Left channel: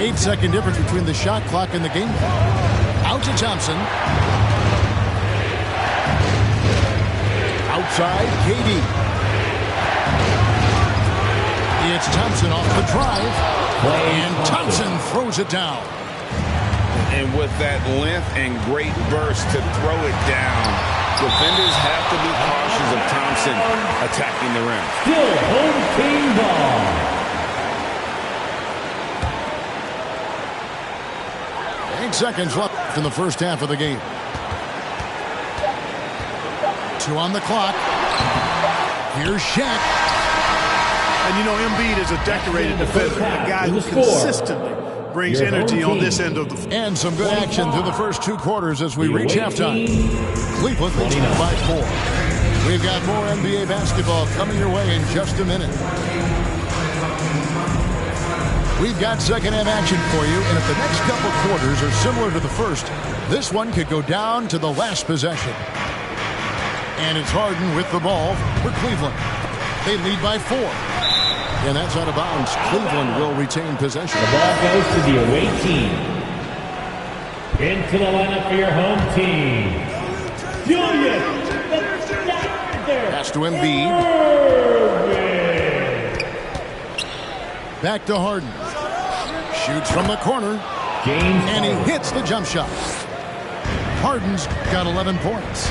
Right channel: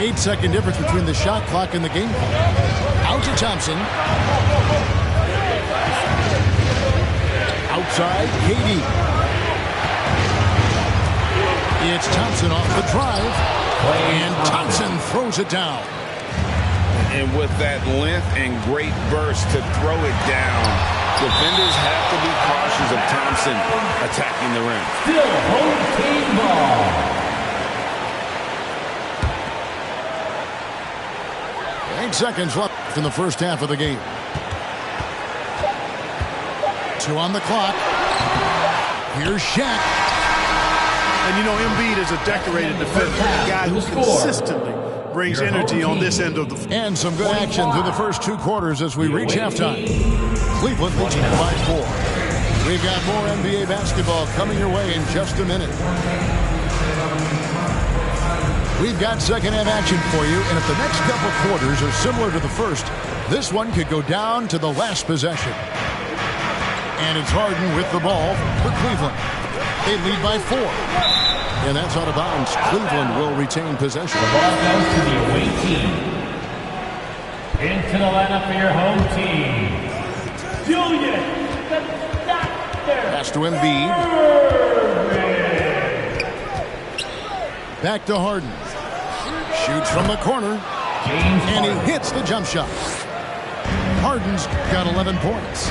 8-second difference between the shot clock and the game clock. Out to Thompson. Outside, KD. It's Thompson off the drive. And Thompson throws it down. And with that length and great burst to throw it down, defenders have to be cautious of Thompson attacking the rim. Still home team ball. 8 seconds left in the first half of the game. 2 on the clock. Here's Shaq. And you know, Embiid is a decorated defender, a guy who consistently brings energy on this end of the floor. And some good action through the first 2 quarters as we reach halftime. Cleveland leads it by 4. We've got more NBA basketball coming your way in just a minute. We've got second half action for you, and if the next couple quarters are similar to the first, this one could go down to the last possession. And it's Harden with the ball for Cleveland. They lead by 4. And that's out of bounds. Cleveland will retain possession. The ball goes to the away team. Into the lineup for your home team. Julius, the doctor. Pass to Embiid. Back to Harden. Shoots from the corner. James and he hits the jump shot. Harden's got 11 points.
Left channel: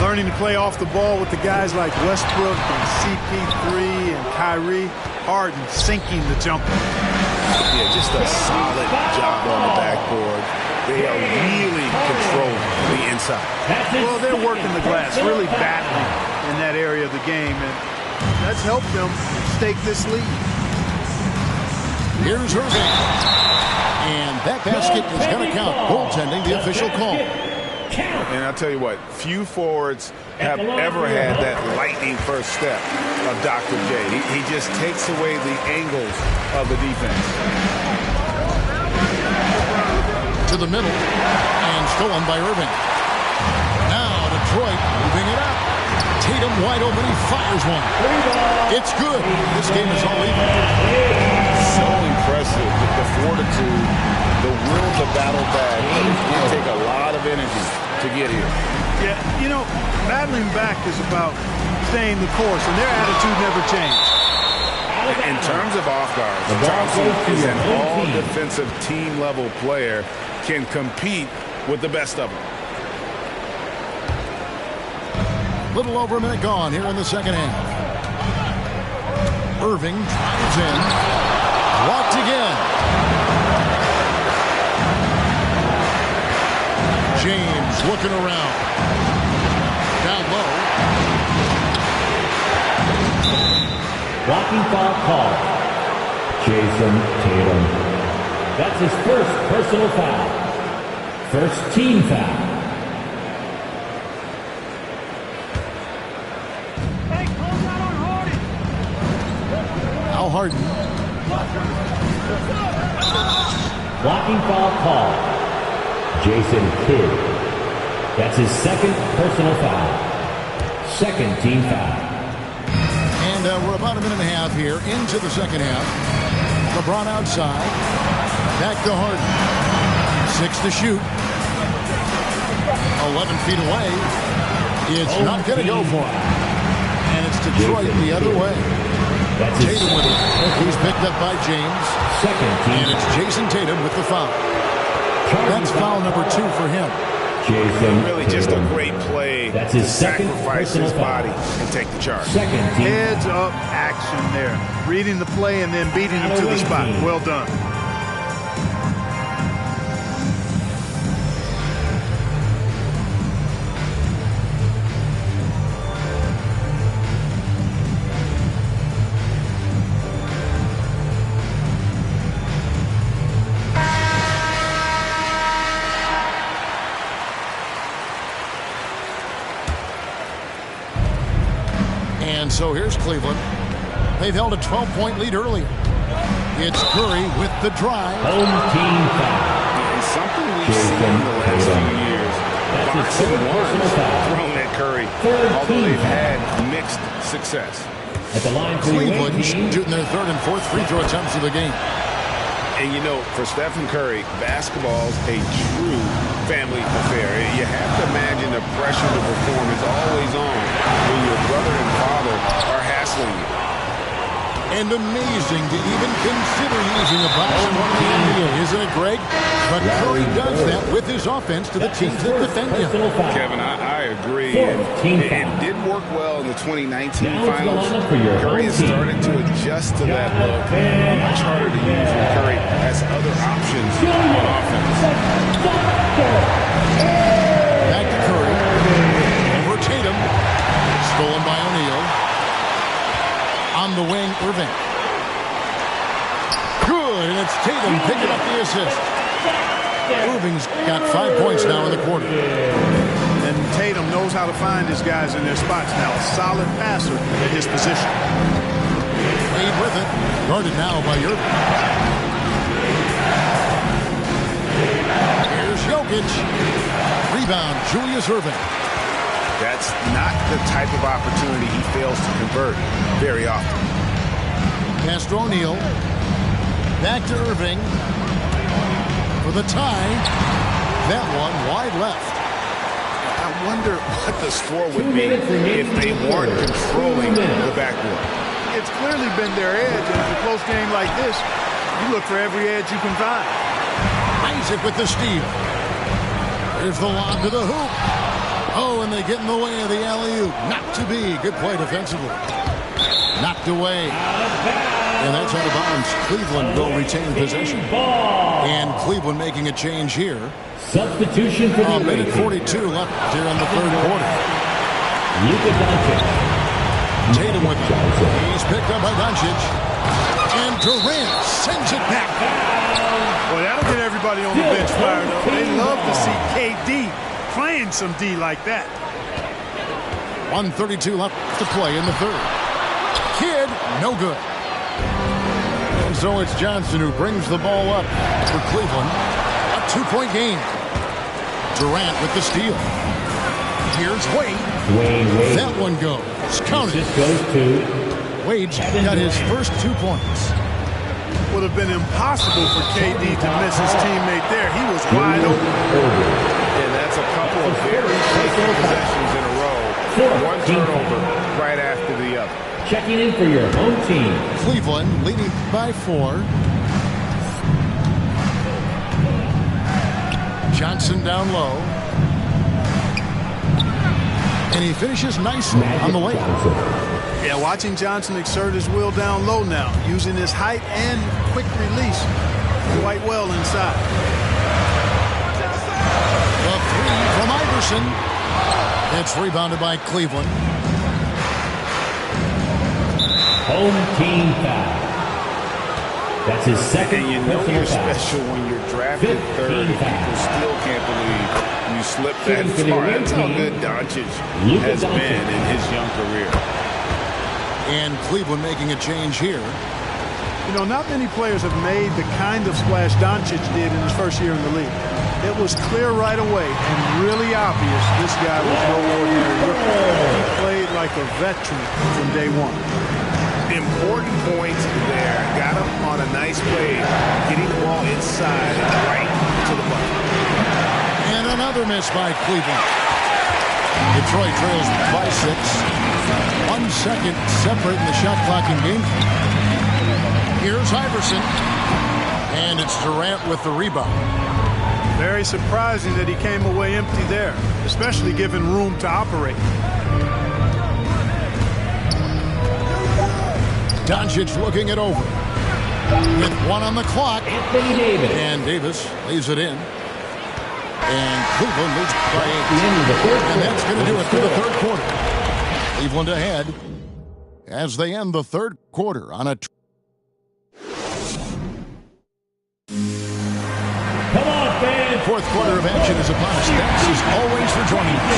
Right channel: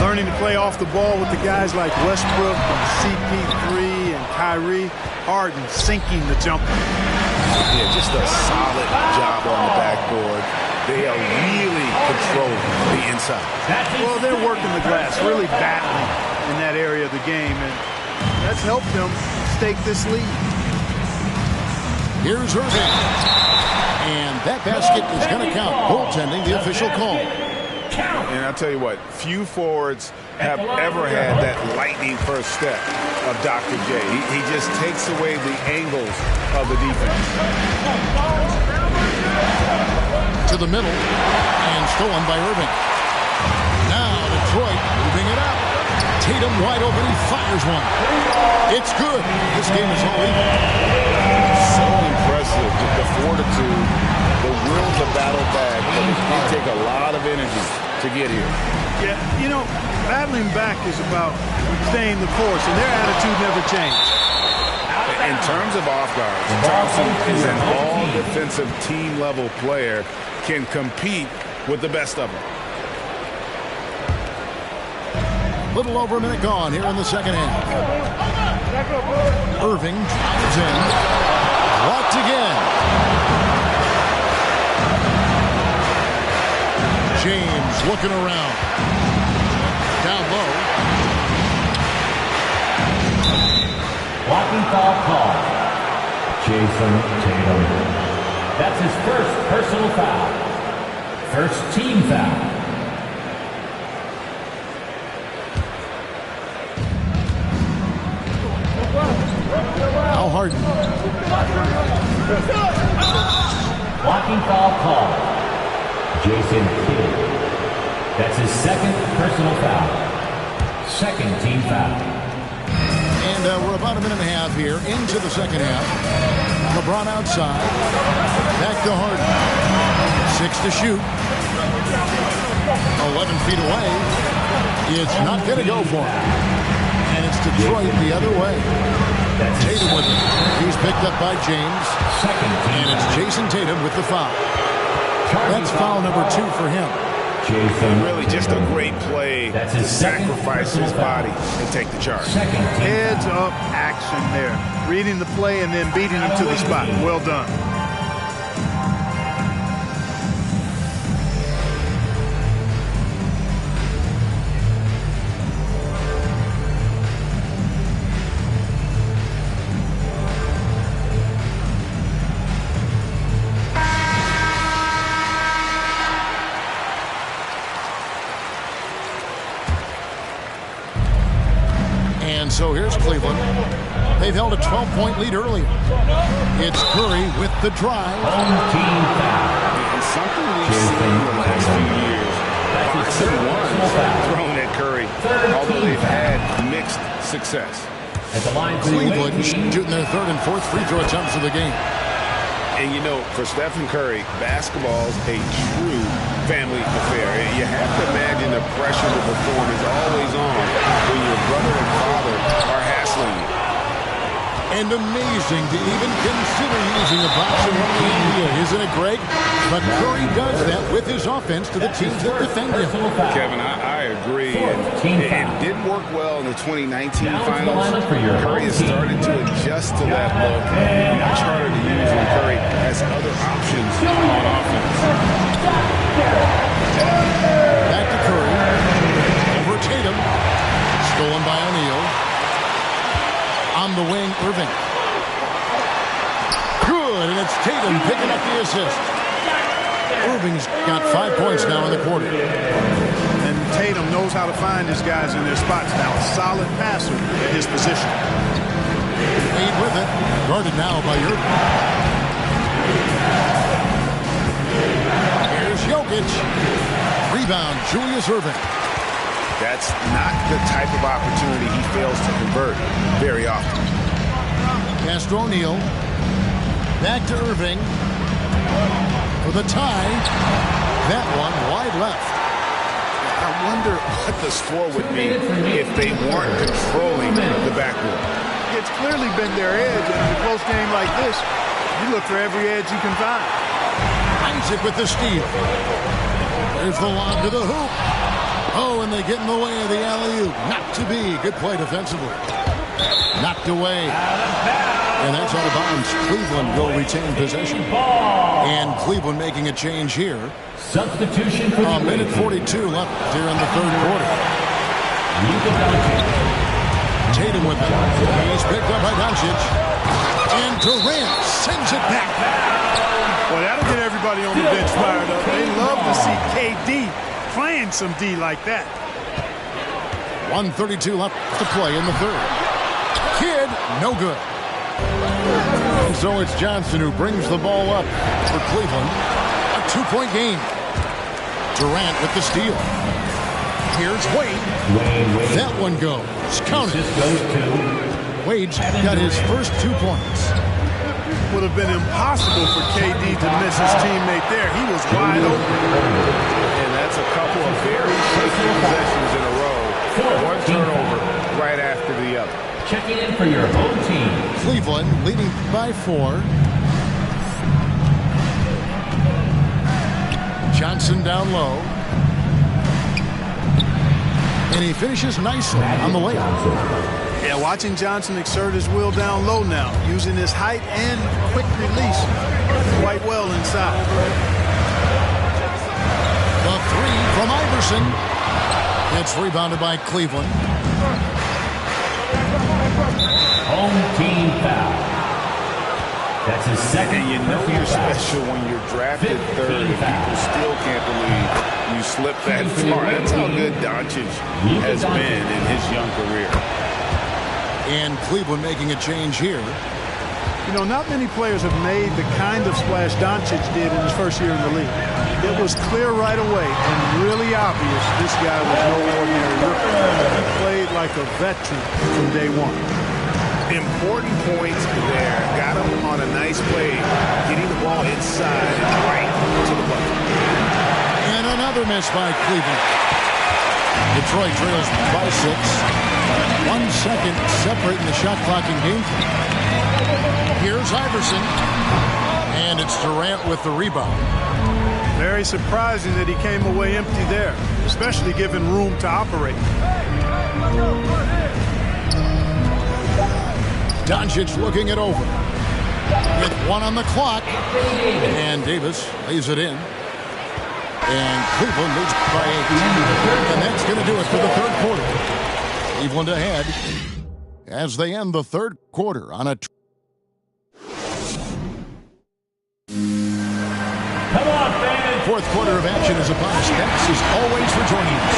Learning to play off the ball with the guys like Westbrook and CP3 and Kyrie. Harden sinking the jumper. Yeah, just a solid job on the backboard. They are really controlling the inside. Well, they're working the glass, really battling in that area of the game, and that's helped them stake this lead. Here's Irving. And that basket is going to count. Goaltending, the official call. And I'll tell you what, few forwards have ever had that lightning first step of Dr. J. He just takes away the angles of the defense. To the middle, and stolen by Irving. Now Detroit moving it up. Tatum wide open, he fires one. It's good. This game is all even. So impressive, the fortitude, the will to battle back, but it did take a lot of energy to get here. Yeah, you know, battling back is about staying the course, and their attitude never changed. In terms of off guards, Thompson is an all-defensive team-level player, can compete with the best of them. Little over a minute gone here in the second half. Irving drives in. Blocked again. James looking around. Down low. Blocking foul call. Jason Tatum. That's his first personal foul. First team foul. Now Harden. Blocking foul call. Jason Kidd. That's his second personal foul. Second team foul. And we're about a minute and a half here into the second half. LeBron outside. Back to Harden. 6 to shoot. 11 feet away. It's not going to go for him. And it's Detroit the other way. Tatum with it. He's picked up by James. And it's Jason Tatum with the foul. That's foul number 2 for him. And really just a great play to sacrifice his body and take the charge. Heads up action there. Reading the play and then beating him to the spot. Well done. And so here's Cleveland. They've held a 12-point lead earlier. It's Curry with the drive. Home team foul. And something we've seen in the last few years, boxing ones thrown at Curry, although they've had mixed success. At the line Cleveland shooting their third and fourth free throw attempts of the game. And, you know, for Stephen Curry, basketball's a true family affair. You have to imagine the pressure to perform is always on when your brother and father are hassling you. And amazing to even consider using a box in one of the NBA, isn't it, Greg? But Curry does that with his offense to the teams that defend him. Kevin, I agree. And it didn't work well in the 2019 finals. Curry has started to adjust to that look. Much harder to use when Curry has other options on offense. Back to Curry. Over Tatum. Stolen by O'Neal. On the wing, Irving. Good, and it's Tatum picking up the assist. Irving's got 5 points now in the quarter. And Tatum knows how to find his guys in their spots now. A solid passer at his position. Wade with it. Guarded now by Irving. Here's Jokic. Rebound, Julius Irving. That's not the type of opportunity he fails to convert very often. Pass to O'Neal. Back to Irving. For the tie. That one wide left. I wonder what the score would be if they weren't controlling the backboard. It's clearly been their edge, and in a close game like this, you look for every edge you can find. Isaac with the steal. There's the lob to the hoop. Oh, and they get in the way of the alley-oop. Not to be. Good play defensively. Knocked away. And that's out of bounds. Cleveland will retain possession. And Cleveland making a change here. Substitution for a minute 42 left here in the third quarter. Tatum with it. He's picked up by Doncic. And Durant sends it back. Boy, that'll get everybody on the bench fired up. They love to see KD playing some D like that. 1:32 left to play in the third. Kidd, no good. And so it's Johnson who brings the ball up for Cleveland. A 2-point game. Durant with the steal. Here's Wade. Wade. That one goes. Counted. This goes to Wade's got his first 2 points. Would have been impossible for KD to miss his teammate there. He was wide open. And that's a couple of very shaky possessions in a row. One turnover right after the other. Checking in for your home team. Cleveland leading by 4. Johnson down low. And he finishes nicely on the layup. Yeah, watching Johnson exert his will down low now, using his height and quick release quite well inside. The three from Iverson. It's rebounded by Cleveland. Home team foul. That's his second. And you know you're special when you're drafted third and people still can't believe you slipped that far. That's how good Doncic has been in his young career. And Cleveland making a change here. You know, not many players have made the kind of splash Doncic did in his first year in the league. It was clear right away and really obvious this guy was no ordinary rookie. He played like a veteran from day one. Important points there. Got him on a nice play, getting the ball inside and right to the bucket. And another miss by Cleveland. Detroit trails by 6. 1 second separating the shot clock and game clock. Here's Iverson. And it's Durant with the rebound. Very surprising that he came away empty there, especially given room to operate. Doncic looking it over. With 1 on the clock. Anthony Davis. And Davis lays it in. And Cleveland leads by 8. And that's going to do it for the third quarter. Cleveland ahead as they end the third quarter on a... Come on, fans. Fourth quarter of action is upon us. Thanks as always for joining us.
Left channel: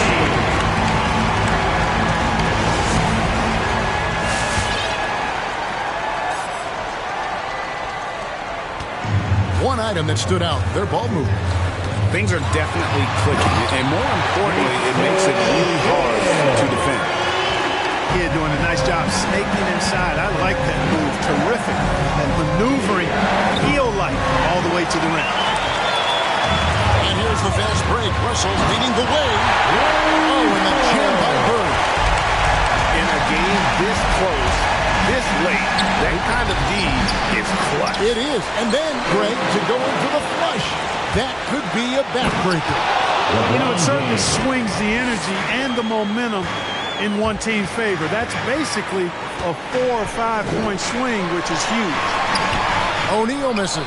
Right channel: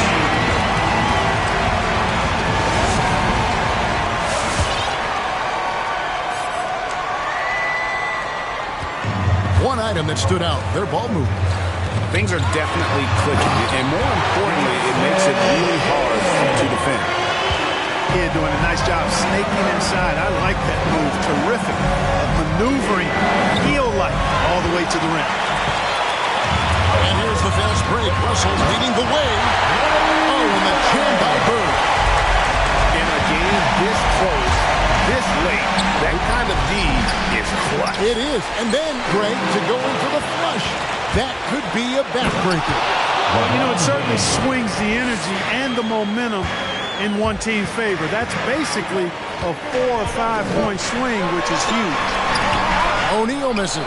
One item that stood out, their ball movement. Things are definitely clicking, and more importantly, it makes it really hard to defend. Kid doing a nice job snaking inside. I like that move. Terrific. That maneuvering, heel-like. the way to the rim. And here's the fast break. Russell's leading the way. Oh, and the jam by Bird. In a game this close, this late, that kind of D is clutch. It is. And then, Greg, to go in for the flush. That could be a backbreaker. Well, you know, it certainly swings the energy and the momentum in one team's favor. That's basically a 4 or 5 point swing, which is huge. O'Neal misses.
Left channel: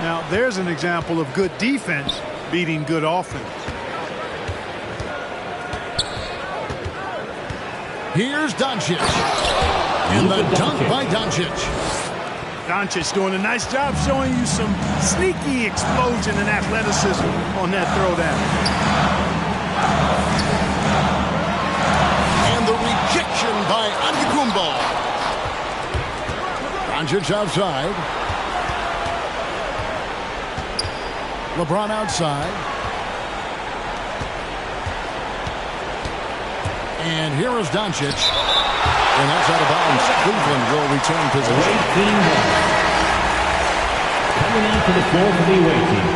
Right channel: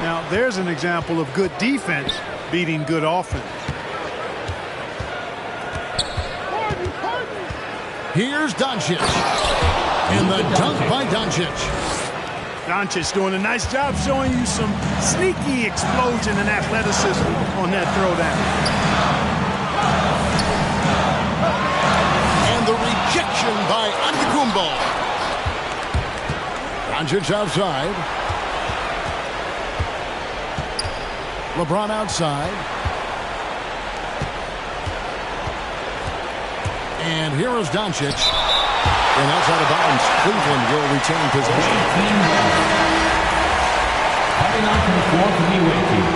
Now, there's an example of good defense beating good offense. Here's Doncic. And the dunk by Doncic. Doncic doing a nice job showing you some sneaky explosion and athleticism on that throwdown. And the rejection by Antetokounmpo. Doncic outside. LeBron outside. And here is Doncic. And that's out of bounds. Cleveland will retain possession. Coming on to the floor for the away team.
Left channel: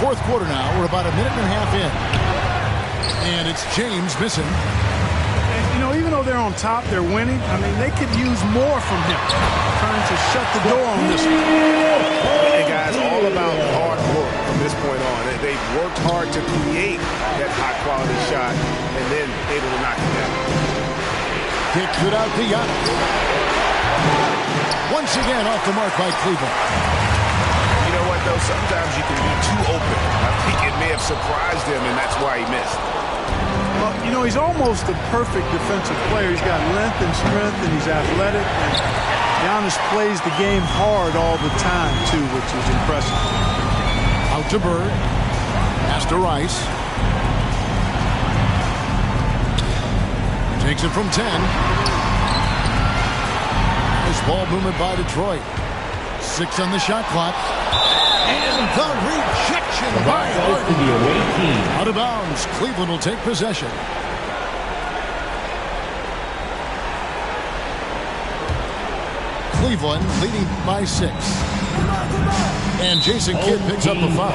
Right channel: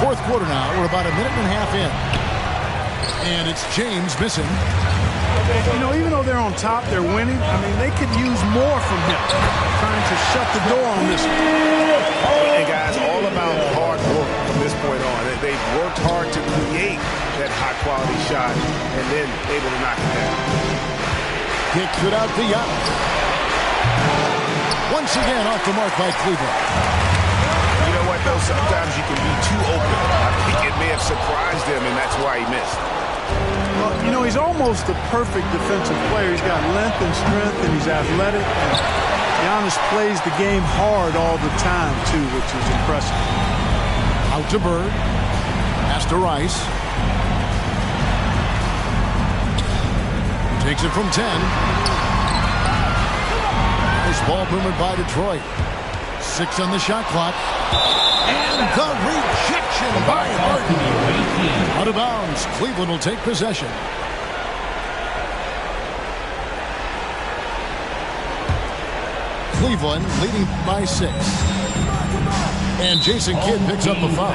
Fourth quarter now. We're about a minute and a half in. And it's James missing. You know, even though they're on top, they're winning. I mean, they could use more from him. Trying to shut the door on this one. And guys, all about hard work from this point on. They've worked hard to create that high-quality shot and then able to knock it down. Kicks it out to Giannis. Once again off the mark by Cleveland. You know what, though? Sometimes you can be too open. I think it may have surprised him, and that's why he missed. Well, you know, he's almost the perfect defensive player. He's got length and strength, and he's athletic. And Giannis plays the game hard all the time, too, which is impressive. Out to Bird. Pass to Rice. Takes it from 10. Nice ball movement by Detroit. 6 on the shot clock. And the rejection by Harden. Out of bounds. Cleveland will take possession. Cleveland leading by 6. And Jason Kidd picks up the foul.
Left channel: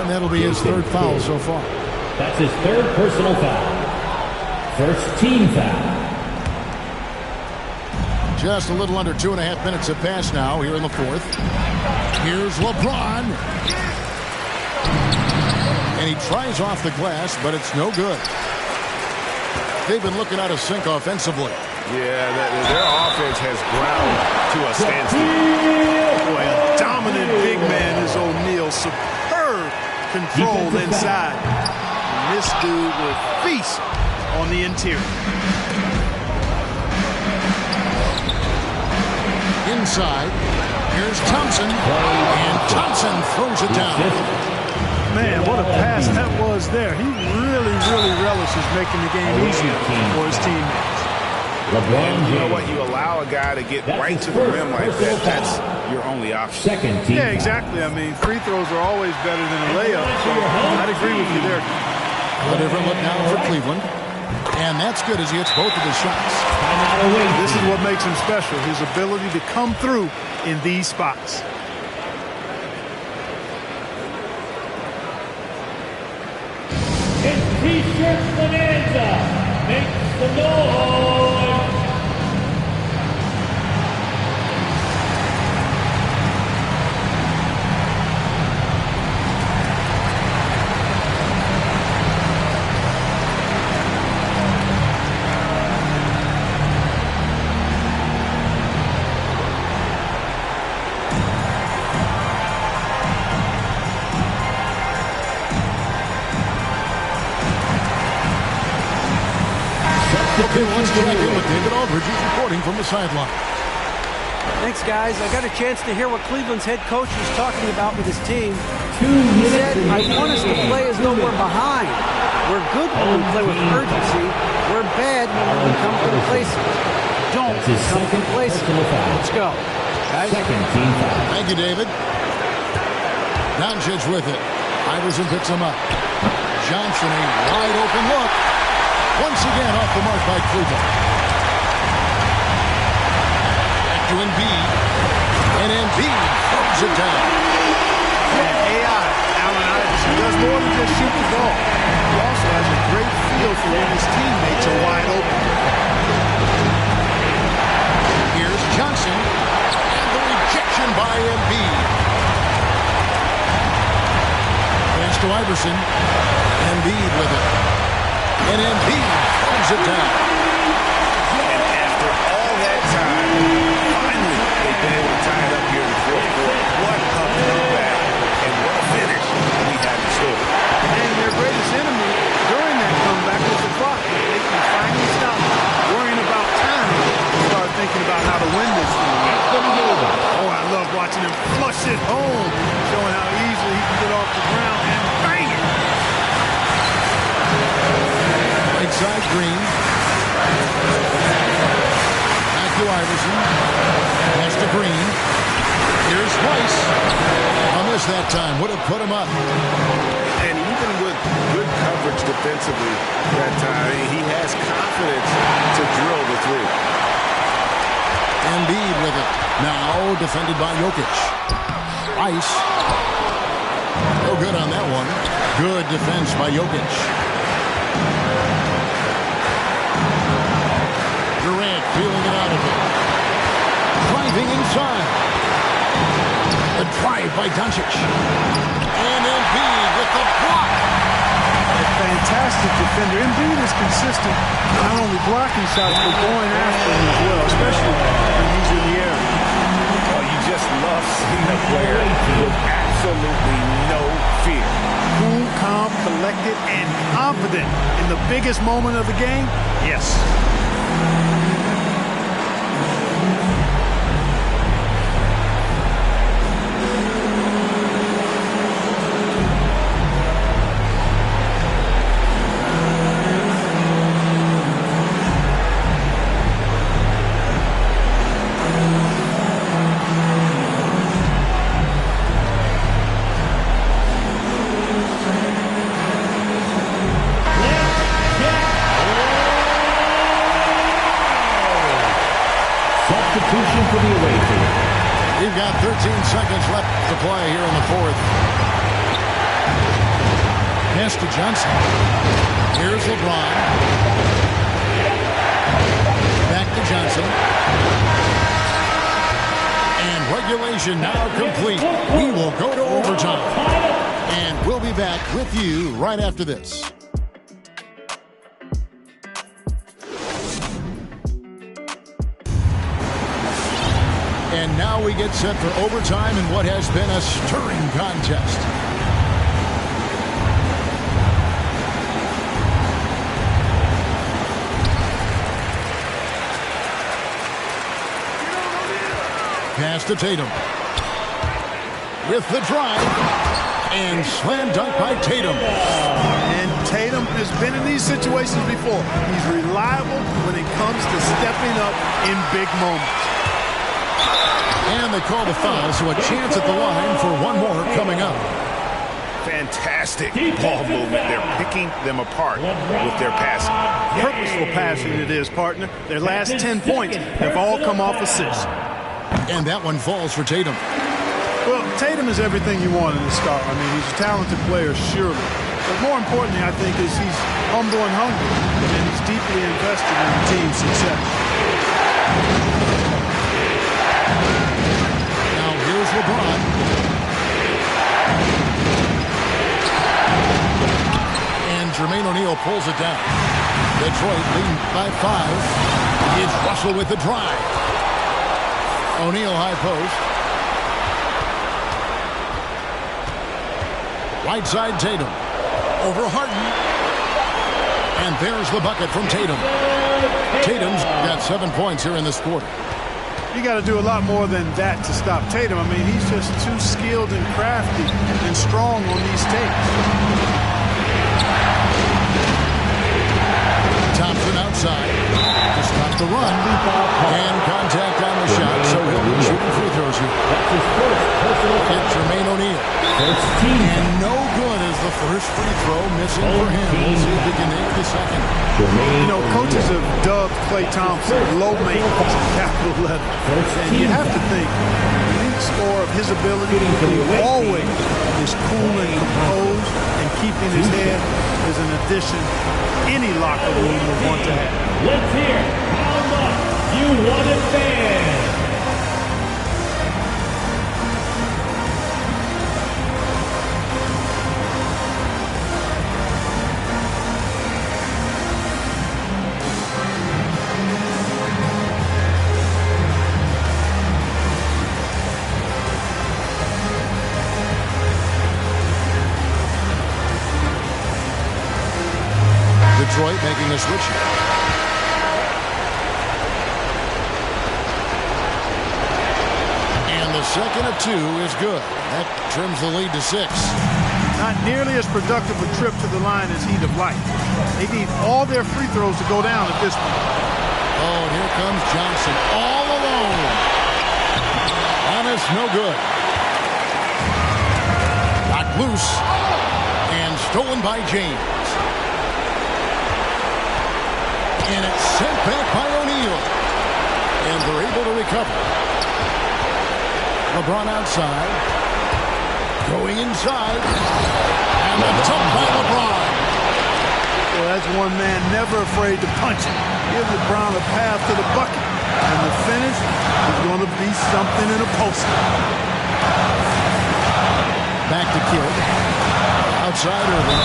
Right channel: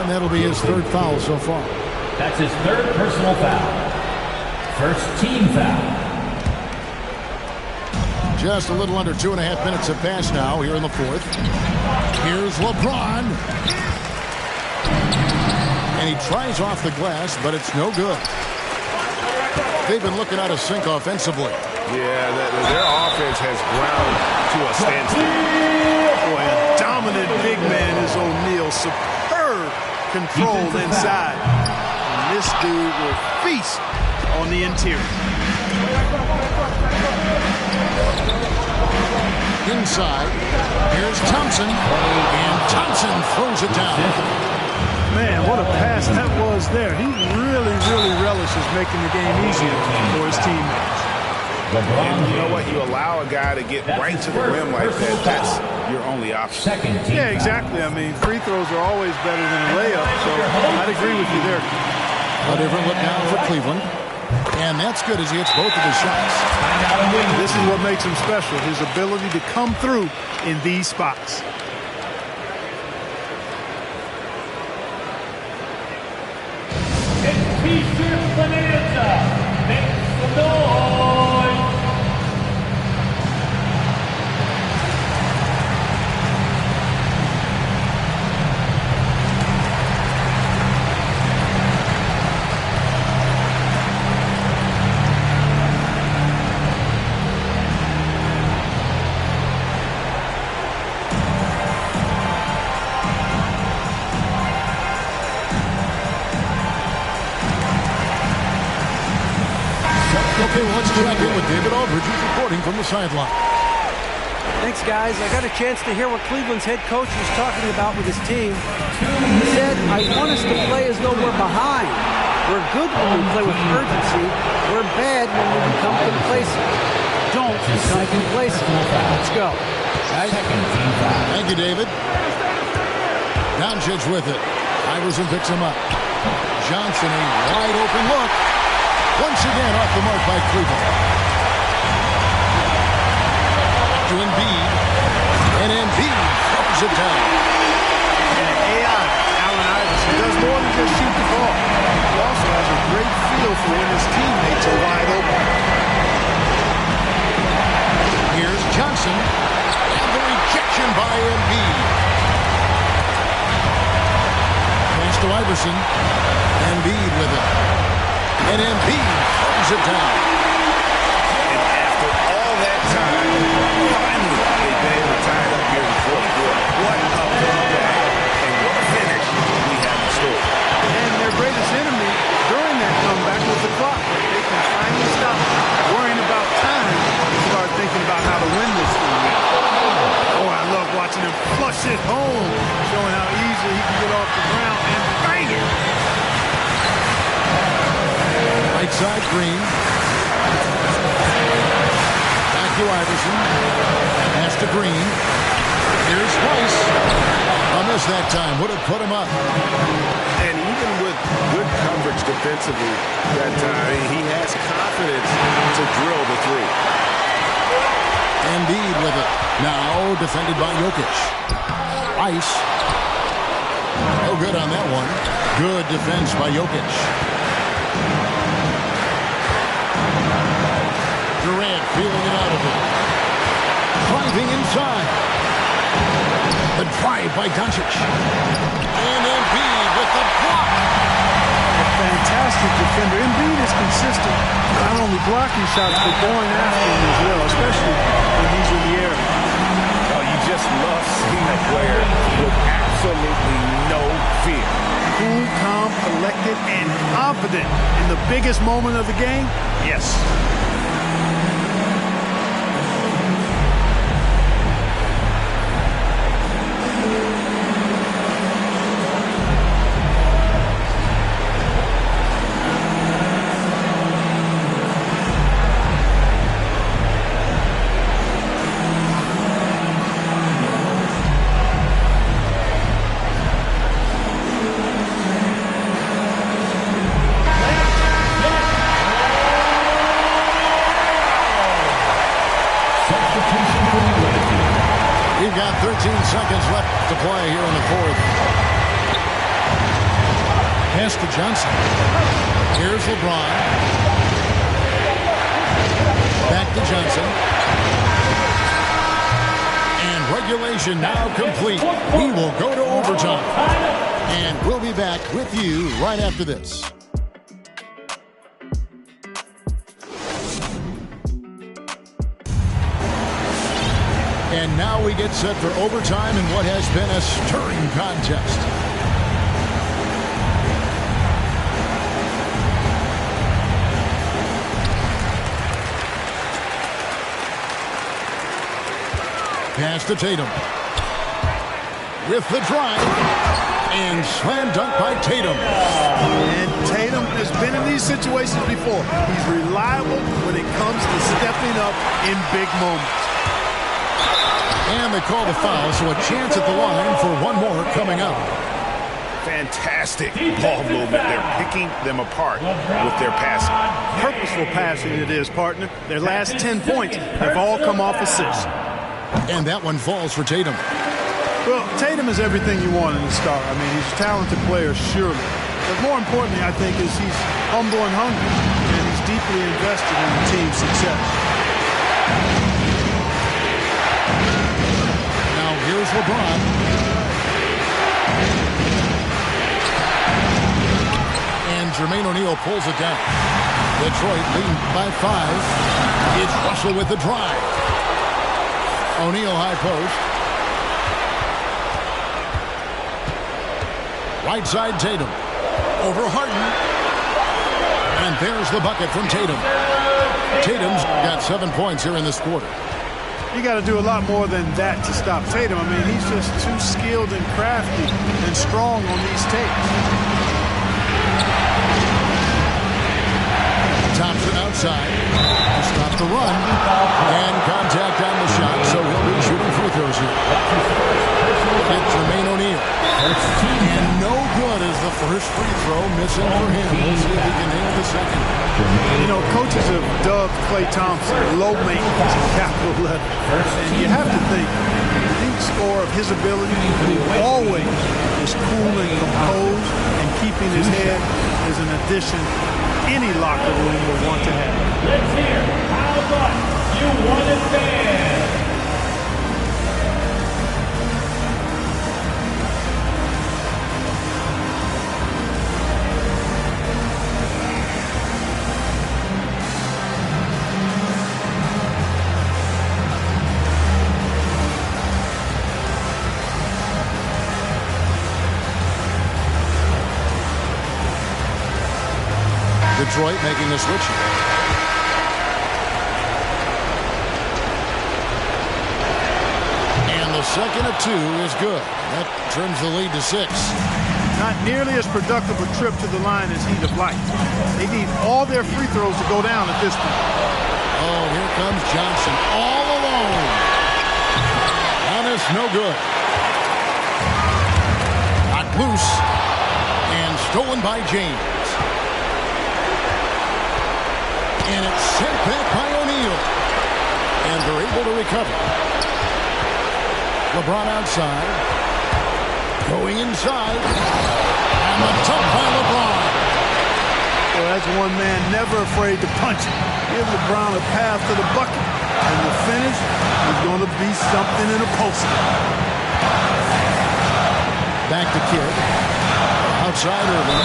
And that'll be his third foul so far. That's his third personal foul. First team foul. Just a little under 2.5 minutes have passed now here in the fourth. Here's LeBron. And he tries off the glass, but it's no good. They've been looking out of sync offensively. Yeah, their offense has ground to a standstill. Boy, a dominant big man is O'Neal. Superb control inside. And this dude will feast on the interior. Inside, here's Thompson, and Thompson throws it down. Man, what a pass that was there. He really, really relishes making the game easier for his teammates. And you know what? You allow a guy to get right to the rim like that. That's your only option. Second team. Yeah, exactly. I mean, free throws are always better than a layup, so I'd agree with you there. A different look now for Cleveland. And that's good as he hits both of his shots. This is what makes him special, his ability to come through in these spots. It's T-shirt bonanza. Make some noise. Okay, well, let's check in with David Aldridge, who's reporting from the sideline. Thanks, guys. I got a chance to hear what Cleveland's head coach was talking about with his team. He said, I want us to play as though we're behind. We're good when we play with urgency. We're bad when we become complacent. Don't become complacent. Let's go. Guys. Second team foul. Thank you, David. Doncic with it. Iverson picks him up. Johnson, a wide open look. Once again off the mark by Cleveland. Back to Embiid. And Embiid throws it down. And AI, Allen Iverson, does more than just shoot the ball. He also has a great feel for when his teammates are wide open. Here's Johnson, and the rejection by Embiid. Pass to Iverson. Embiid with it. And Embiid throws it down. And after all that time, finally they've been able to tie it up here in the fourth quarter. What a comeback and what a finish we have in store. And their greatest enemy during that comeback was the clock. But they can finally stop worrying about time and start thinking about how to win this thing. Oh, I love watching him flush it home, showing how easily he can get off the ground and bang it. Right side, Green. Back to Iverson. Pass to Green. Here's Weiss. A miss that time. Would have put him up. And even with good coverage defensively that time, he has confidence to drill the three. Embiid with it. Now defended by Jokic. Weiss. No good on that one. Good defense by Jokic. Durant feeling it out of it. Driving inside. The drive by Doncic. And Embiid with the block. A fantastic defender. Embiid is consistent, not only blocking shots, but going after them as well, especially when he's in the air. Oh, you just love seeing a player with absolutely no fear. Cool, calm, collected, and confident in the biggest moment of the game? Yes. We've got 13 seconds left to play here in the fourth. Pass to Johnson. Here's LeBron. Back to Johnson. And regulation now complete. We will go to overtime. And we'll be back with you right after this. And now we get set for overtime in what has been a stirring contest. Pass to Tatum. With the drive. And slam dunk by Tatum. And Tatum has been in these situations before. He's reliable when it comes to stepping up in big moments. And they call the foul, so a chance at the line for one more coming up. Fantastic ball movement. They're picking them apart with their passing. Purposeful passing it is, partner. Their last 10 points have all come off assists. And that one falls for Tatum. Well, Tatum is everything you want in a star. I mean, he's a talented player, surely. But more importantly, I think, is he's humble and hungry. And he's deeply invested in the team's success. Here's LeBron. And Jermaine O'Neal pulls it down. Detroit leading by 5. It's Russell with the drive. O'Neal high post. Right side Tatum. Over Harden. And there's the bucket from Tatum. Tatum's got 7 points here in this quarter. You got to do a lot more than that to stop Tatum. I mean, he's just too skilled and crafty and strong on these takes. Thompson outside to stop the run. And contact on the shot, so he'll be shooting free throws here. Hit Jermaine O'Neal. And no good is the first free throw missing for him. We'll see if he can nail the second. You know, coaches have dubbed Klay Thompson low maintenance in capital letters. And you have to think, elite underscore of his ability to always is cool and composed, and keeping his head is an addition any locker room would want to have. Let's hear how much you want it banned. Detroit making a switch here. And the second of 2 is good. That trims the lead to 6. Not nearly as productive a trip to the line as he'd have liked. They need all their free throws to go down at this point. Oh, and here comes Johnson all alone. Giannis no good. Knocked loose and stolen by James. And it's sent back by O'Neal. And they're able to recover. LeBron outside. Going inside. And the dunk by LeBron. Well, that's one man never afraid to punch it. Give LeBron a path to the bucket. And the finish is going to be something in a poster. Back to Kidd. Outside Irving.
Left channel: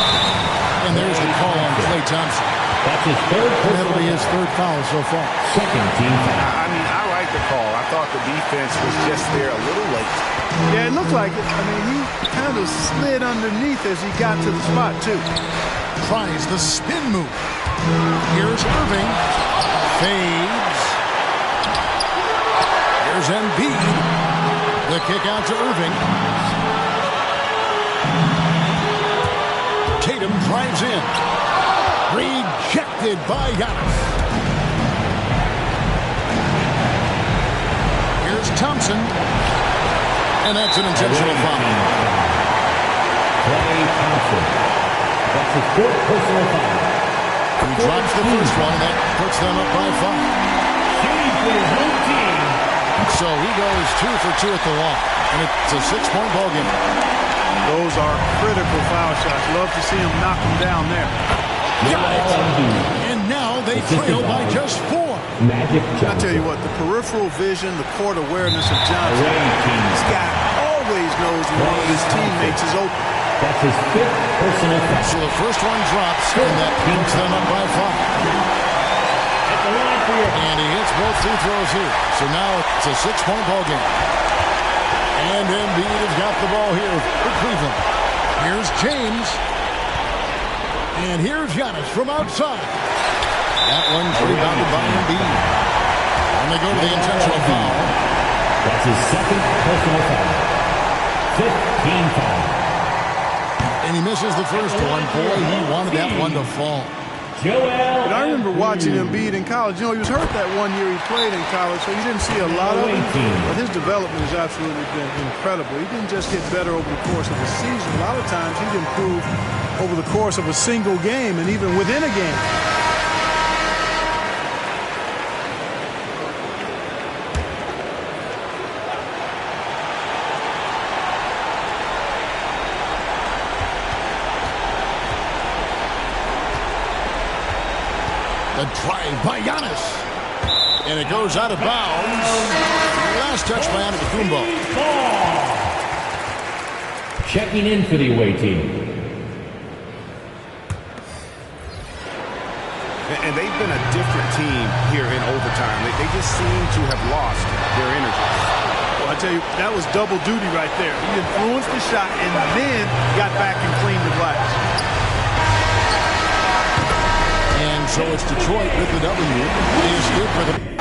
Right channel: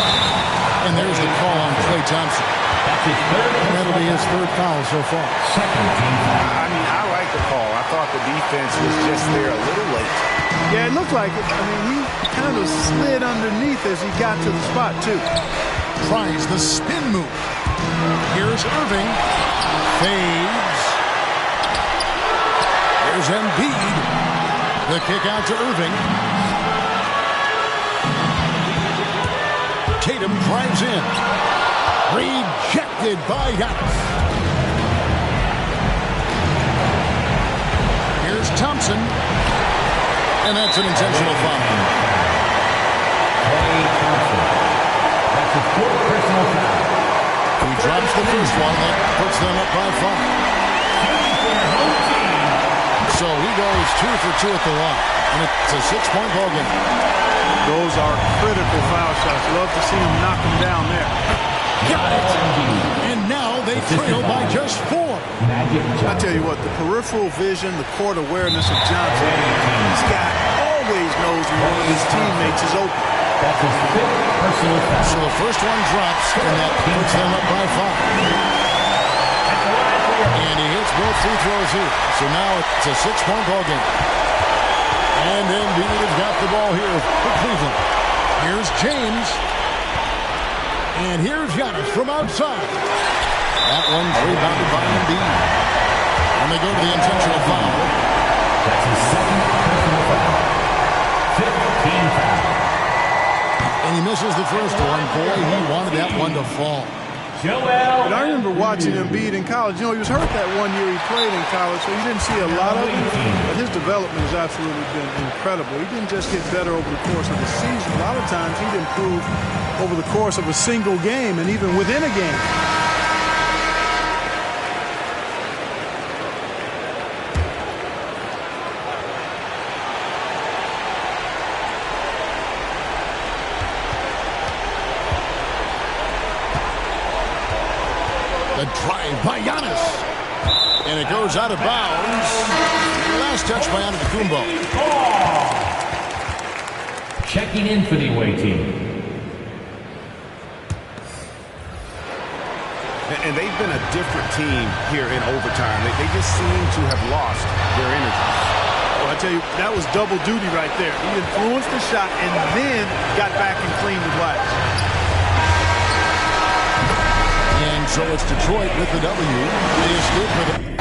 And there's the call on Klay Thompson. That's his third. That'll be his third foul so far. Second team foul. I mean, I like the call. I thought the defense was just there a little late. Yeah, it looked like it. I mean, he kind of slid underneath as he got to the spot, too. Tries the spin move. Here's Irving. Fades. Here's Embiid. The kick out to Irving. Tatum drives in. Rejected by Giannis. Here's Thompson. And that's an intentional foul. Klay Thompson. That's his fourth personal foul. He drops the first one. That puts them up by 5. Shooting for your home team. So he goes 2 for 2 at the line. And it's a 6-point ball game. Those are critical foul shots. Love to see him knock them down there. Got it. And now they trail by just 4. Magic Johnson. I tell you what, the peripheral vision, the court awareness of Johnson, this guy always knows when one of his teammates is open. That's his fifth personal foul. So the first one drops, and that puts them up by 5. At the line for your... And he hits both free throws here. So now it's a 6-point ball game. And Embiid has got the ball here for Cleveland. Here's James. And here's Giannis from outside. That one's rebounded by Embiid. And they go to the intentional foul. That's his second personal foul. 15 foul. And he misses the first one. Boy, he wanted that one to fall. Joel. And I remember watching Embiid in college. You know, he was hurt that one year he played in college, so you didn't see a lot of him. But his development has absolutely been incredible. He didn't just get better over the course of the season. A lot of times he'd improve over the course of a single game and even within a game. The drive by Giannis. And it goes out of bounds. Last touch by Antetokounmpo. Checking in for the away team. And they've been a different team here in overtime. They just seem to have lost their energy. Well, I tell you, that was double duty right there. He influenced the shot and then got back and cleaned the glass. And so it's Detroit with the W. They escape with it.